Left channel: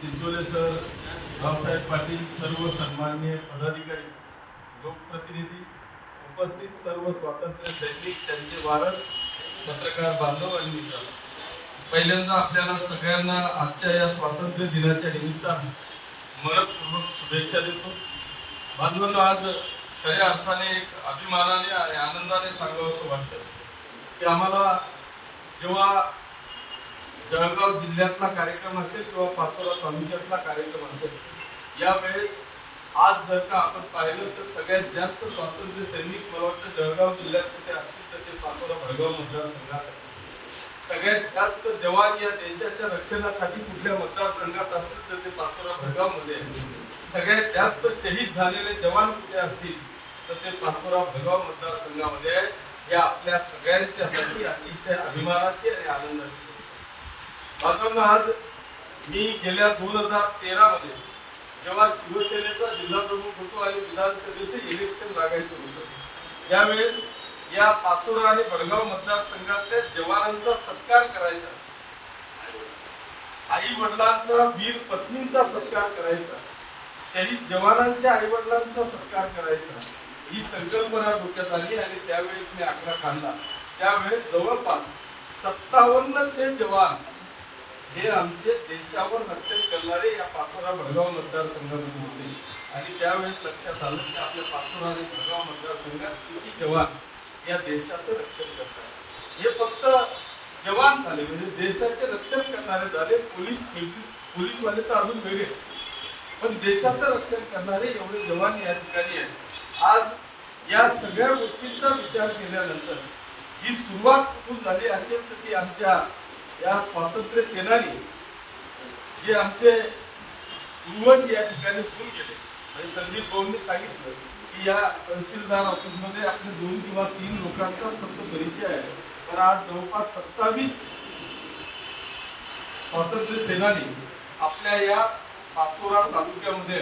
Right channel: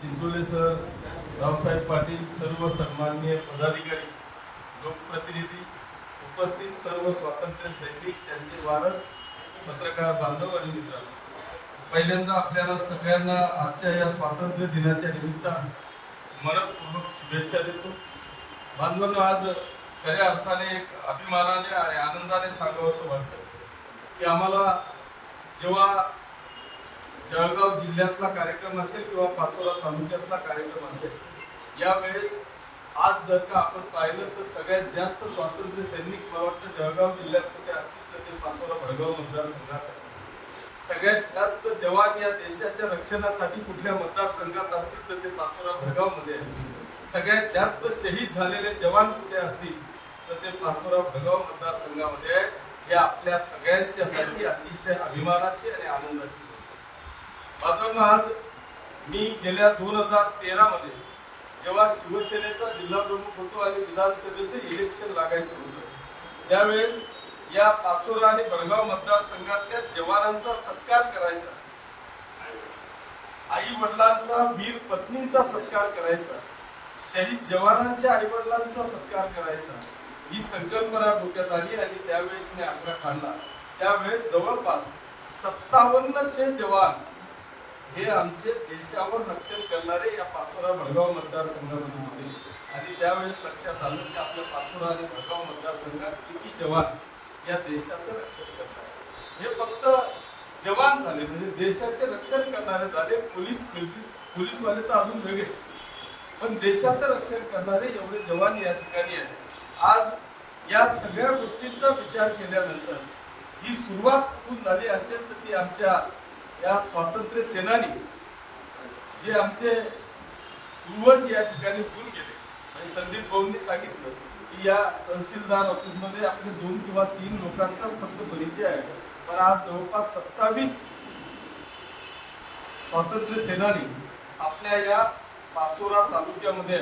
Chinchole sir, Raosaheb Patil, सर्व सन्माननीय पदाधिकारी, लोकप्रतिनिधी, उपस्थित सर्व स्वातंत्र्य सैनिक, त्यांचे वारस, पत्रकार बांधव आणि मित्रांनो, पहिल्यांदा आपल्याला सगळ्यांना आजच्या या स्वातंत्र्य दिनाच्या निमित्तानं मनपूर्वक शुभेच्छा देतो. बांधवांनो, आज खऱ्या अर्थाने एक अभिमानाने आणि आनंदाने सांगावं असं वाटतं की आम्हाला जेव्हा जळगाव जिल्ह्यातला कार्यक्रम असेल किंवा पाचोरा तालुक्यातला कार्यक्रम असेल, यावेळेस आज जर का आपण पाहिलं तर सगळ्यात जास्त स्वातंत्र्य सैनिक मला वाटतं जळगाव जिल्ह्यात असतील तर ते पाचोरा भडगाव मतदारसंघात, सगळ्यात जास्त जवान या देशाच्या रक्षणासाठी कुठल्या मतदारसंघात असतील तर ते पाचोरा भडगाव मध्ये, सगळ्यात जास्त शहीद झालेले जवान कुठे असतील तर ते पाचोरा भडगाव मतदारसंघामध्ये आहे. हे आपल्या सगळ्यांच्यासाठी अतिशय अभिमानाची आणि आनंदाची. मात्र आज मी गेल्या 2013 मध्ये जेव्हा शिवसेनेचा जिल्हा प्रमुख होतो आणि विधानसभेचे इलेक्शन लागायचे होते, त्यावेळेस या पाचोरा आणि भडगाव मतदारसंघातल्या जवानांचा सत्कार करायचा, आई वडिलांचा, वीर पत्नींचा सत्कार करायचा, शहीद जवानांच्या आई वडिलांचा सत्कार करायचा, ही संकल्पना डोक्यात आली आणि त्यावेळेस मी आकडा काढला. त्यावेळेस जवळपास 5700 जवान हे आमचे देशावर रक्षण करणारे या पाचोरा भडगाव मतदारसंघामध्ये होते. आणि त्यावेळेस लक्षात आलं की आपल्या पाचोरा आणि भडगाव मतदारसंघात किती जवान या देशाचं रक्षण करतात. हे फक्त जवान झाले म्हणजे देशाचे रक्षण करणारे झाले. पोलीसवाले तर अजून वेगळे, पण देशाचं रक्षण करणारे एवढे जवान या ठिकाणी आहेत. आज या सगळ्या गोष्टींचा विचार केल्यानंतर ही सुरुवात कुठून झाली असेल तर ती आमच्या या स्वातंत्र्य सेनानी जे आमचे पूर्वज या ठिकाणी होऊन गेले. संदीप भाऊंनी सांगितलं की या तहसीलदार ऑफिसमध्ये आपले 2 किंवा 3 लोकांचाच फक्त परिचय आहे, पण आज जवळपास 27 स्वातंत्र्य सेनानी आपल्या या पाचोरा तालुक्यामध्ये,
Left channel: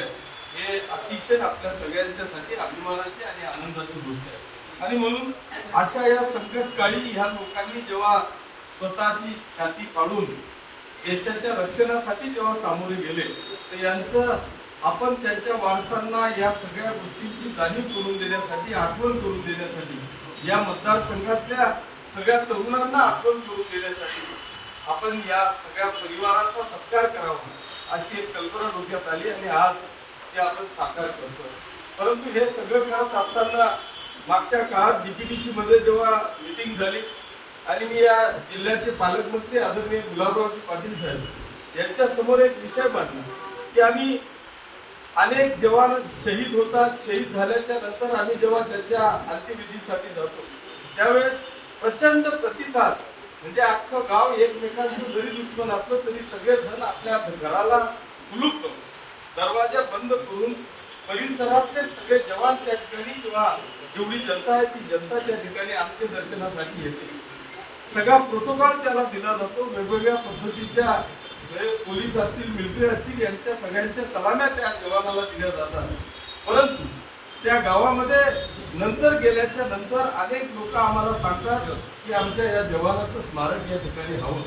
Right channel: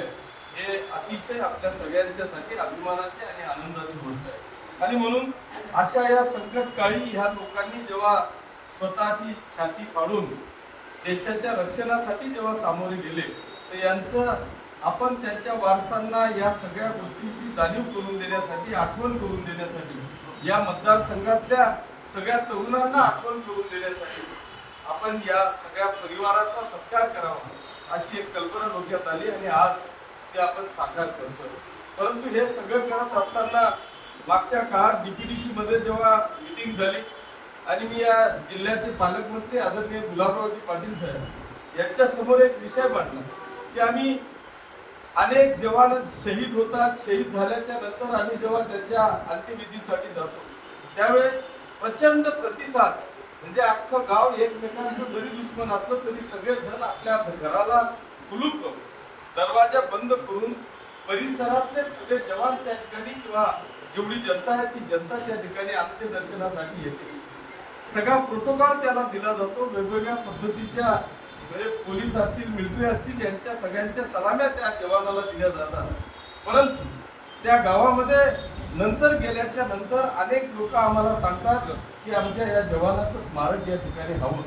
हे अतिशय आपल्या सगळ्यांच्यासाठी अभिमानाची आणि आनंदाची गोष्ट आहे. आणि म्हणून अशा या संकट काळी ह्या लोकांनी जेव्हा स्वतःची छाती फाडून देशाच्या रक्षणासाठी जेव्हा सामोरे गेले, तर यांचं आपण त्यांच्या वारसांना या सगळ्या गोष्टींची जाणीव करून देण्यासाठी, आठवण करून देण्यासाठी, या मतदारसंघातल्या सगळ्या तरुणांना आठवण करून देण्यासाठी आपण या सगळ्या परिवाराचा सत्कार करावा अशी एक कल्पना डोक्यात आली आणि आज ते आपण साकार करतो. परंतु हे सगळं करत असताना मागच्या काळात डीपीडीसी मध्ये जेव्हा मीटिंग झाली आणि मी या जिल्ह्याचे पालकमंत्री आदरणीय गुलाबरावजी पाटील साहेब यांच्या समोर एक विषय मांडला की आम्ही अनेक जवान शहीद होतात, शहीद झाल्याच्या नंतर आम्ही जेव्हा त्यांच्या अंत्यविधीसाठी जातो त्यावेळेस प्रचंड प्रतिसाद, म्हणजे अख्खं गाव एकमेकांचं जरी दुश्मन असलं तरी सगळेजण आपल्या घराला कुलूप करून, दरवाजा बंद करून परिसरातले सगळे जवान त्या ठिकाणी किंवा जेवढी जनता आहे ती जनता त्या ठिकाणी अंत्यदर्शनासाठी येते. सगळा प्रोटोकॉल त्याला दिला जातो. वेगवेगळ्या पद्धतीच्या म्हणजे पोलीस असतील, मिलिटरी असतील, यांच्या सगळ्यांच्या सलाम्या त्या जवानाला दिल्या जातात. परंतु त्या गावामध्ये नंतर गेल्याच्या नंतर अनेक लोक आम्हाला सांगतात की आमच्या या जवानाचं स्मारक या ठिकाणी हवं.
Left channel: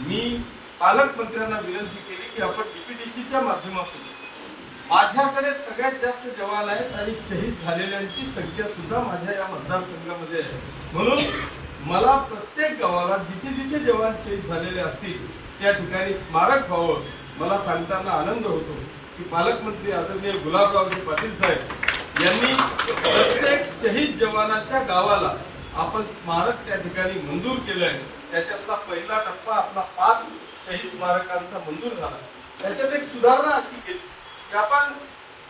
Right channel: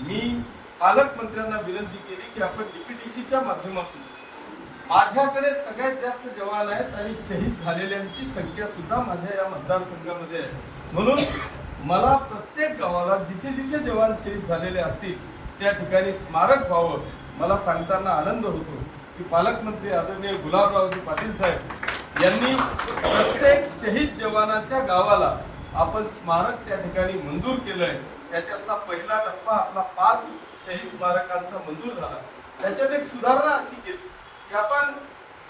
मी पालकमंत्र्यांना विनंती केली की आपण डीपीडीसीच्या माध्यमातून, माझ्याकडे सगळ्यात जास्त जवान आहेत आणि शहीद झालेल्यांची संख्या सुद्धा माझ्या या मतदारसंघामध्ये आहे, म्हणून मला प्रत्येक गावाला जिथे जिथे जवान शहीद झालेले असतील त्या ठिकाणी स्मारक व्हावं. मला सांगताना आनंद होतो की पालकमंत्री आदरणीय गुलाबरावजी पाटील साहेब यांनी प्रत्येक शहीद जवानाच्या गावाला आपण स्मारक त्या ठिकाणी मंजूर केलंय. त्याच्यातला पहिला टप्पा आपला 5 शहीद स्मारकांचा मंजूर झाला. त्याच्यात एक सुधारणा अशी केली की आपण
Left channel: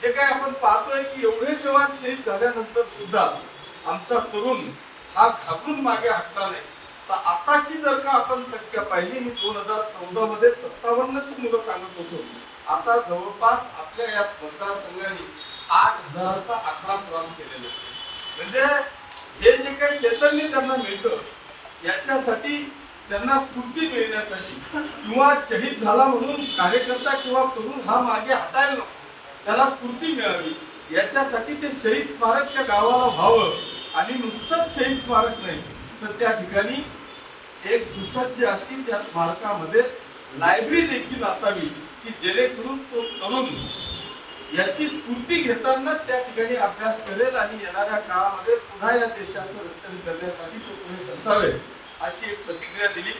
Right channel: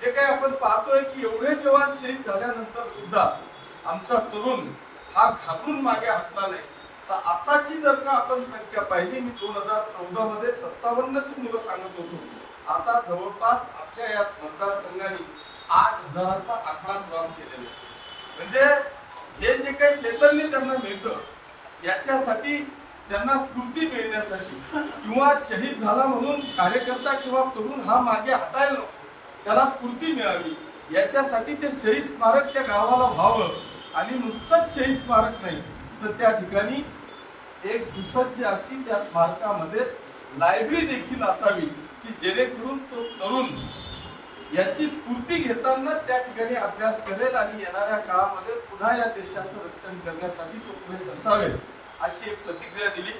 जे काही आपण पाहतोय की एवढे जवान शहीद झाल्यानंतर सुद्धा आमचा तरुण हा घाबरून मागे हटला नाही. तर आताची जर का आपण संख्या पाहिली, मी 2014 मध्ये 5700 मुलं सांगत होतो, आता जवळपास आपल्या या मतदारसंघाने 8000चा आकडा क्रॉस केलेला. म्हणजे हे जे काही चैतन्य त्यांना मिळतं याच्यासाठी, त्यांना स्फूर्ती मिळण्यासाठी, किंवा शहीद झाला म्हणून कार्यकर्ता किंवा तरुण हा मागे हटायला नको, त्याला स्फूर्ती मिळावी याच्यासाठी ते शहीद स्मारक त्या गावाला व्हावं. आणि नुसतंच शहीद स्मारक नाही तर त्या ठिकाणी एक सुसज्ज अशी त्या स्मारकामध्ये लायब्ररी देखील असावी की जेणेकरून तो तरुण याची स्फूर्ती घेतानाच त्या ठिकाणी अभ्यास करेल आणि येणाऱ्या काळामध्ये पुन्हा या देशाचं रक्षण करण्यासाठी तो पुढे सरसावेल अशी एक प्रतिक्रिया दिली.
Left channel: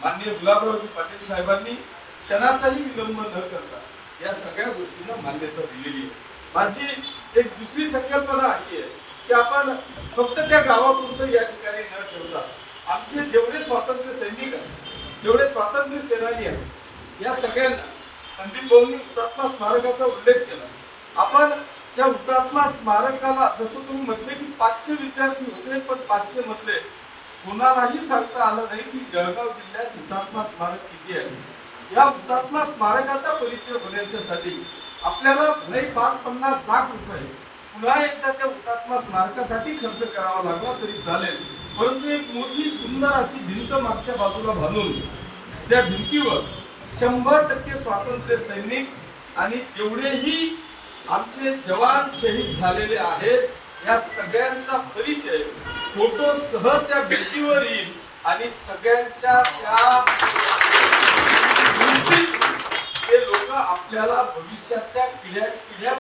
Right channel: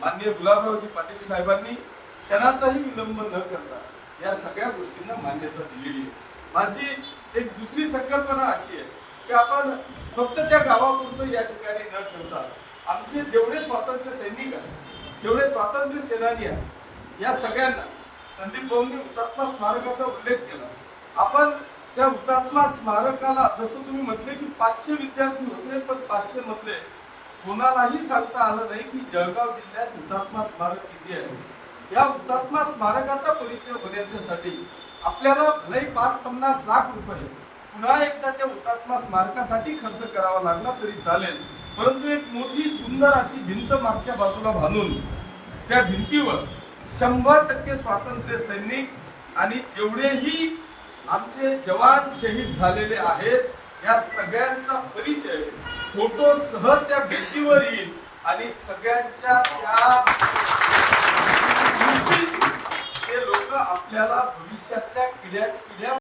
माननीय गुलाबरावजी पाटील साहेबांनी क्षणाचाही विलंब न करता या सगळ्या गोष्टींना मान्यता दिलेली आहे. माझी एक दुसरी संकल्पना अशी आहे की आपण फक्त त्या गावापुरतं या ठिकाणी न ठेवता आमचे जेवढे स्वातंत्र्य सैनिक आहेत, जेवढे स्वातंत्र्य सेनानी आहेत, या सगळ्यांना संदीप भाऊंनी हुतात्मा स्मारकाचा उल्लेख केला. आपण या हुतात्मा स्मारकाला जसं तुम्ही म्हटले की 500 विद्यार्थी होते, पण 500 मधले कोणालाही सांगता आलं नाही की जळगाव जिल्ह्यात हुतात्मा स्मारक किती आहे. या हुतात्मा स्मारकाचा परिचय होण्यासाठी आपल्याला नाही 5-50 लाख रुपये पुन्हा एकदा त्या हुतात्मा स्मारकासाठी खर्च करावा लागला तरी चालेल, परंतु एक मोठी सुंदर अशी भिंत मागच्या बाजूला बांधून त्या भिंतीवर 100% स्वातंत्र्य सैनिक आणि जेवढेही आमचे जवान शहीद झालेले आहेत या सगळ्यांचा परिचय फोटो सह त्या भिंतीवर येईल आणि सगळ्यांच्या त्या ते लोक आपल्याला भविष्यातल्या पिढ्या